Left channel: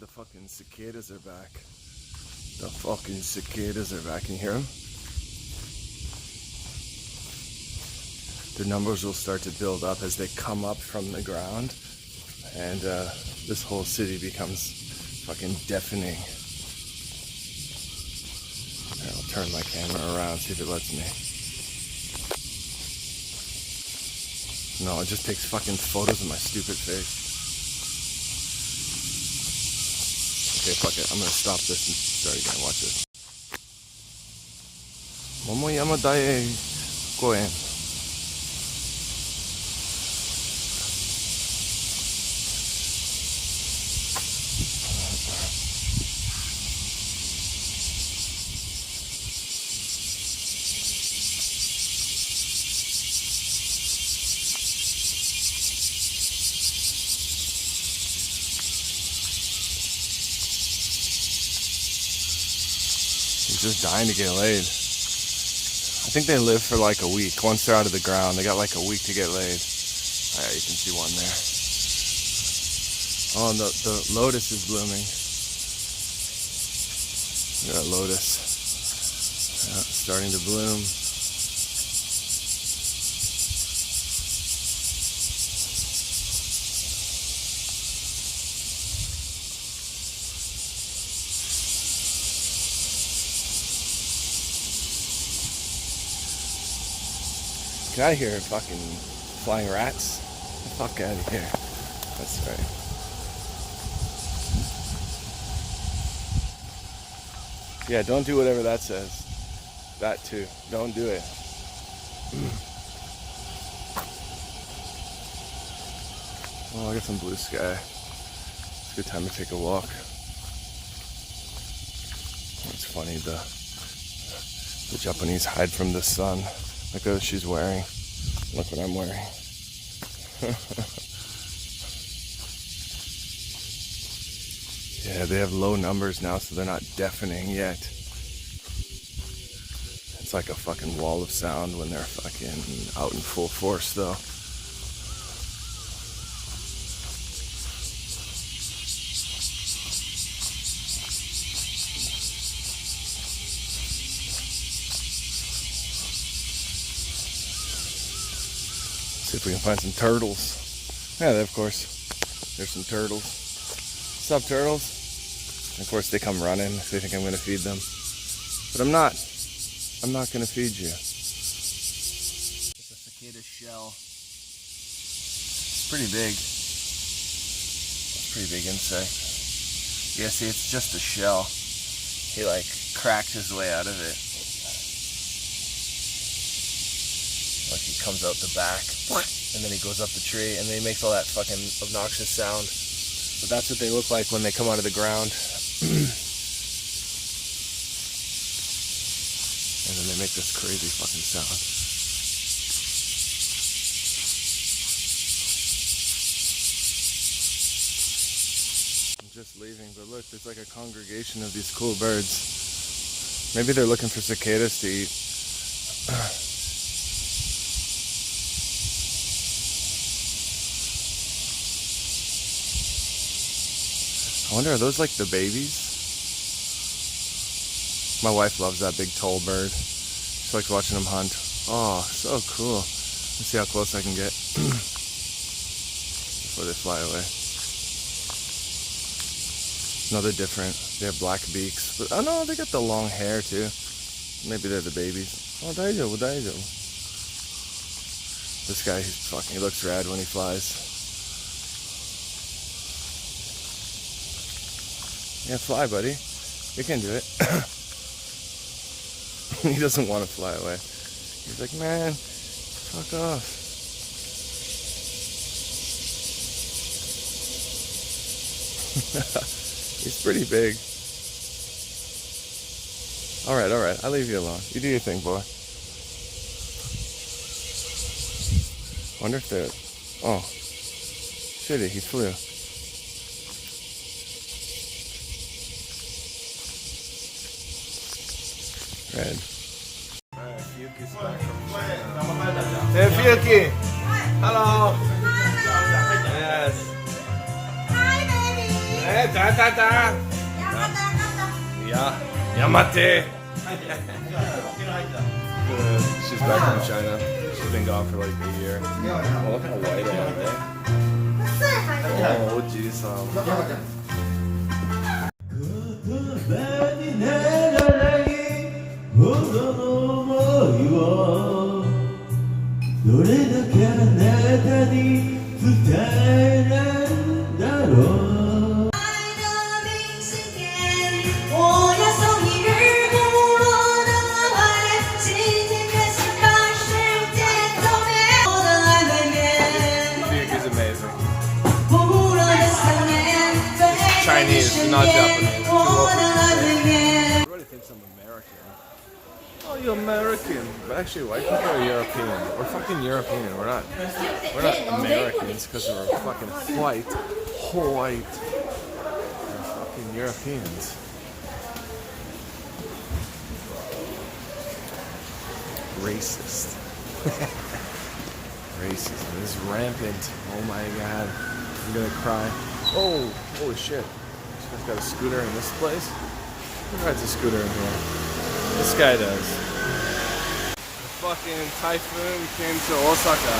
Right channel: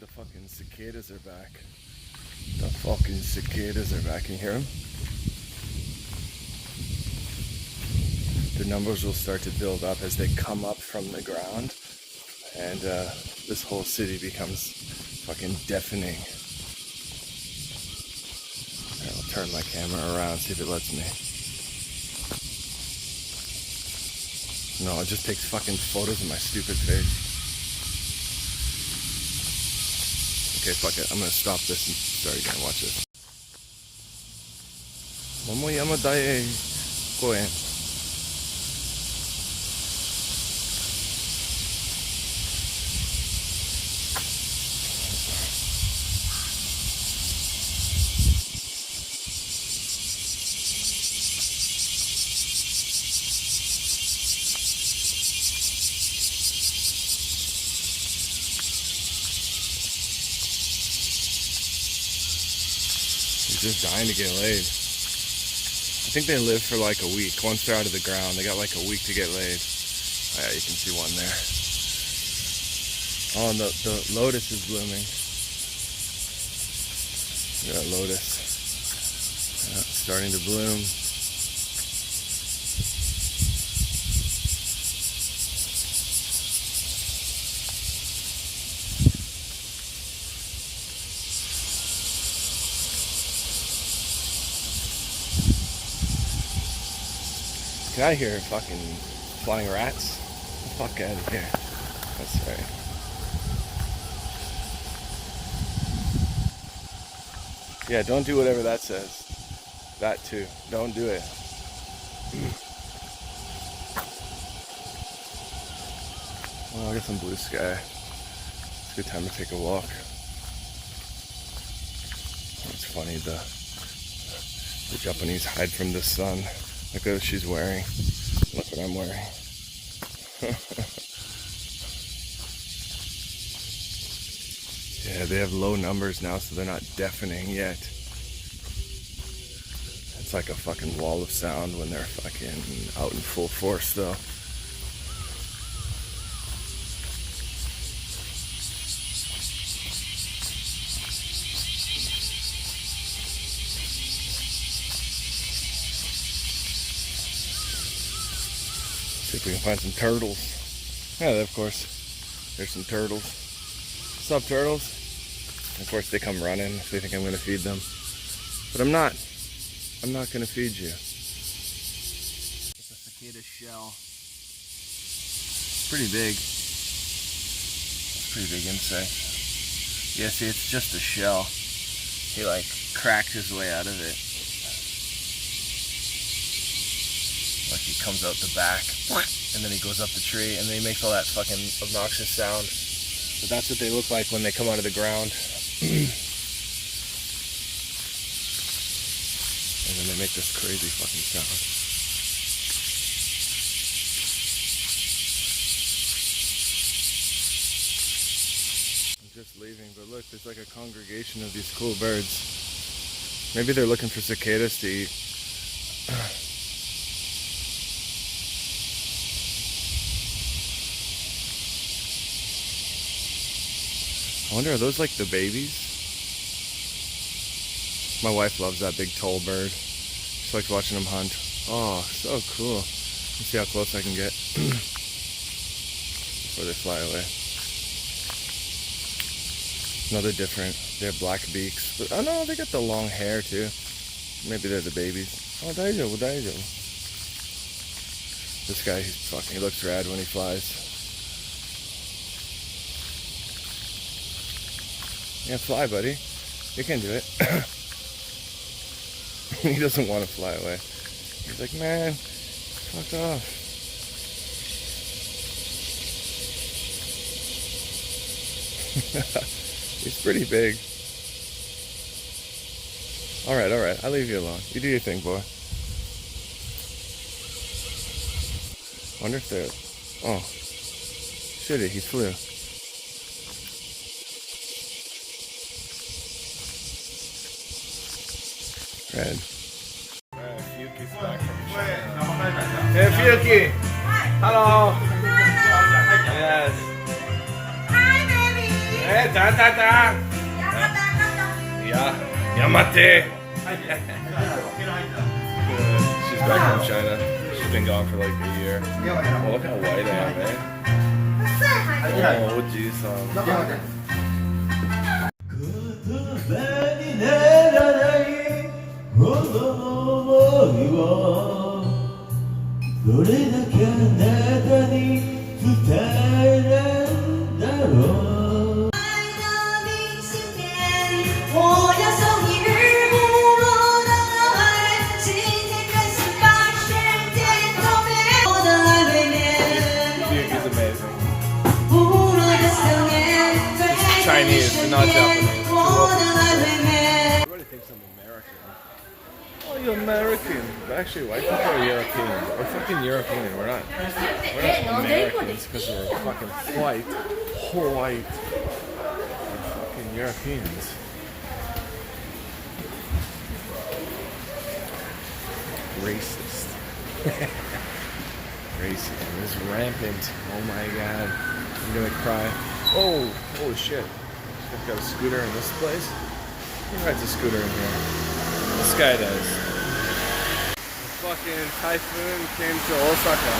The fucking cicadas are back. The fucking cicadas are back. Can you hear them? The numbers will start to build up as they come up from the ground, and this whole city becomes fucking deafening. I'll turn my camera around, see if it lets me. No, it just takes fucking photos of my stupid face. Okay, fuck it. I'm gonna stop this and start again. Watch this. Momoyama Dae Koen. Just dying to get laid. I think they live for like a week. Once they're out of the ground, they got like a week to get laid. Oh, yeah, you can see one there. Oh, and the lotus is blooming. Yeah, lotus. Yeah, starting to bloom. Get out of here, fucking flying rats. Get the fuck out of here. That's right. Yeah, don't do whatever that says. That too. Don't do it. Oh, I got some blue sky. It's a good time to take a walk. It's funny, the Japanese hide from the sun. Look at what she's wearing. Look what I'm wearing. Yeah, they have low numbers now, so they're not deafening yet. It's like a fucking wall of sound when they're fucking out in full force, though. See if we can find some turtles. Yeah, of course. There's some turtles. What's up, turtles? And of course, they come running if they think I'm going to feed them. But I'm not. I'm not going to feed you. It's a cicada shell. It's pretty big. It's a pretty big insect. Yeah, see, it's just a shell. He like cracked his way out of it. Like he comes out the back, and then he goes up the tree, and then he makes all that fucking obnoxious sound. But that's what they look like when they come out of the ground. And then they make this crazy fucking sound. I'm just leaving, but look, there's like a congregation of these cool birds. Maybe they're looking for cicadas to eat. I wonder, are those like the babies? My wife loves that big tall bird. She likes watching them hunt. Oh, so cool. Let's see how close I can get before they fly away. No, they're different. They have black beaks. But, oh no, they got the long hair too. Maybe they're the babies. Oh, daijoubu, daijoubu. This guy, he's fucking, he looks rad when he flies. Yeah, fly, buddy. You can do it. He doesn't want to fly away. He's like, man, fuck off. He's pretty big. Alright, I'll leave you alone. You do your thing, boy. Wonder if they're... Oh. Shitty, he flew. Red. Fuki's back from China. Hey, Fuki! Hello! Yes. Hi, baby! Hey, Dad. Yatata! Yeah. Yamate! She's back from China. She's been gone for like a year. Oh, look how white I am, eh? Oh, jeez. Is amazing. It's Chinese, not Japanese. Too low for everybody thinks I'm American. Oh, you're American. But actually, white people are European. We're fucking European. We're not Americans because we're fucking white. We're fucking Europeans. Racist. Racism is rampant. Oh my god. I'm gonna cry. Oh, holy shit. I've got a scooter in this place. Who rides a scooter in here? This guy does. The fucking typhoon came to Osaka.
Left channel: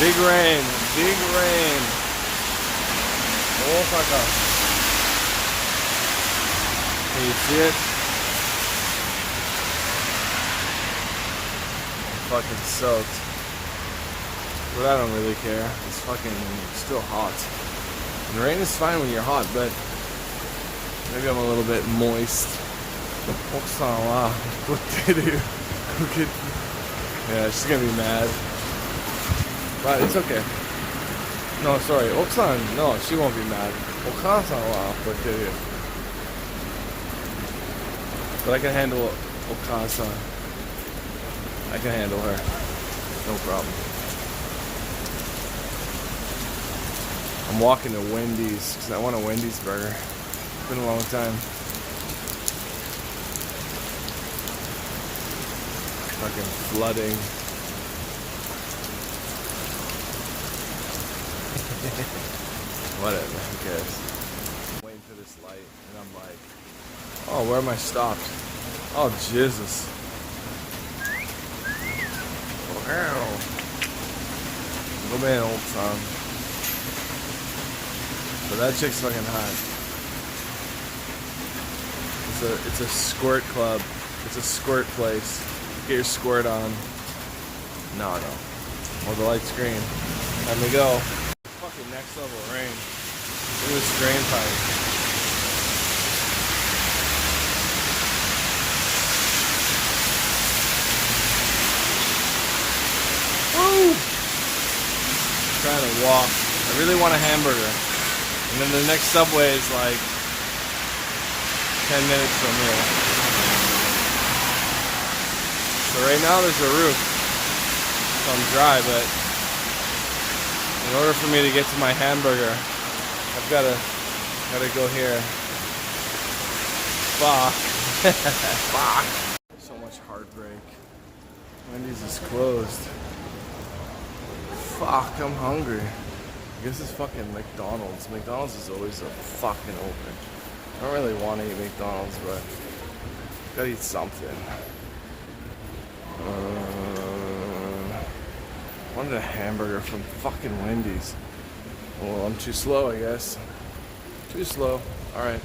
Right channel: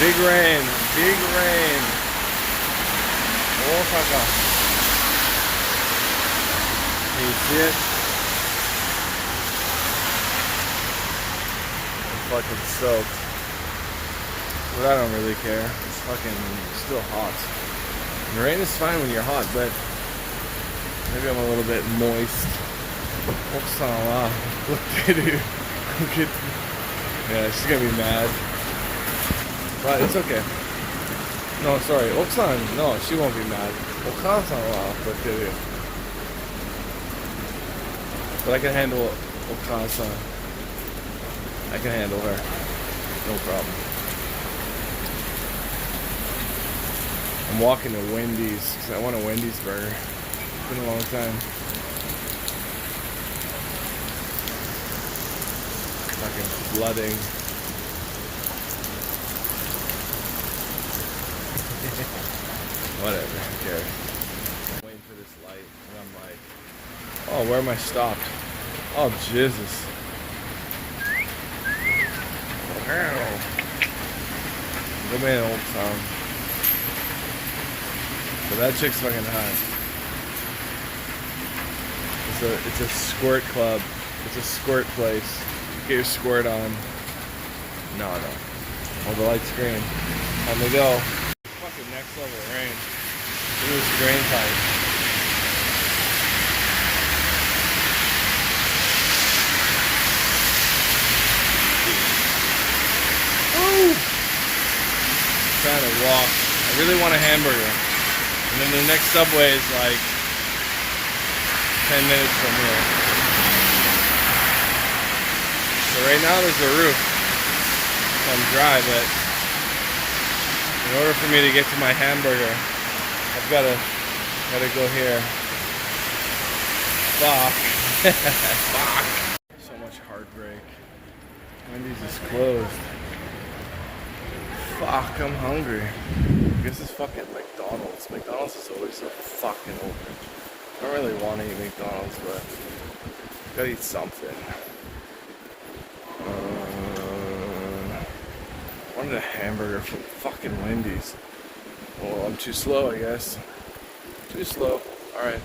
Big rain. Big rain. Osaka. Can you see it? Fucking soaked, but I don't really care. It's fucking still hot. And rain is fine when you're hot, but maybe I'm a little bit moist. Oksana, look at it. Look at. Yeah, she's gonna be mad, but it's okay. No, sorry, Oksan. No, she won't be mad. Okasa, look at it. But I can handle Okasa. I can handle her. No problem. I'm walking to Wendy's because I want a Wendy's burger. It's been a long time. Fucking flooding. Whatever, who cares? I'm waiting for this light and I'm like, oh, where am I stopped? Oh, Jesus. Hell. Go man, old song. But that chick's fucking hot. It's a squirt club. It's a squirt place. Get your squirt on. No. Oh, the light's green. Time to go. Fucking next level rain. Look at this drain pipe. Woo! Trying to walk. I really want a hamburger. And then the next Subway is like 10 minutes from here. So right now there's a roof. So I'm dry, but in order for me to get to my hamburger, I've gotta go here. Fuck. Fuck. So much heartbreak. Wendy's is closed. Fuck, I'm hungry. I guess it's fucking McDonald's. McDonald's is always so fucking open. I don't really want to eat McDonald's, but gotta eat something. Wanted a hamburger from fucking Wendy's. Well, I'm too slow, I guess. Too slow. Alright.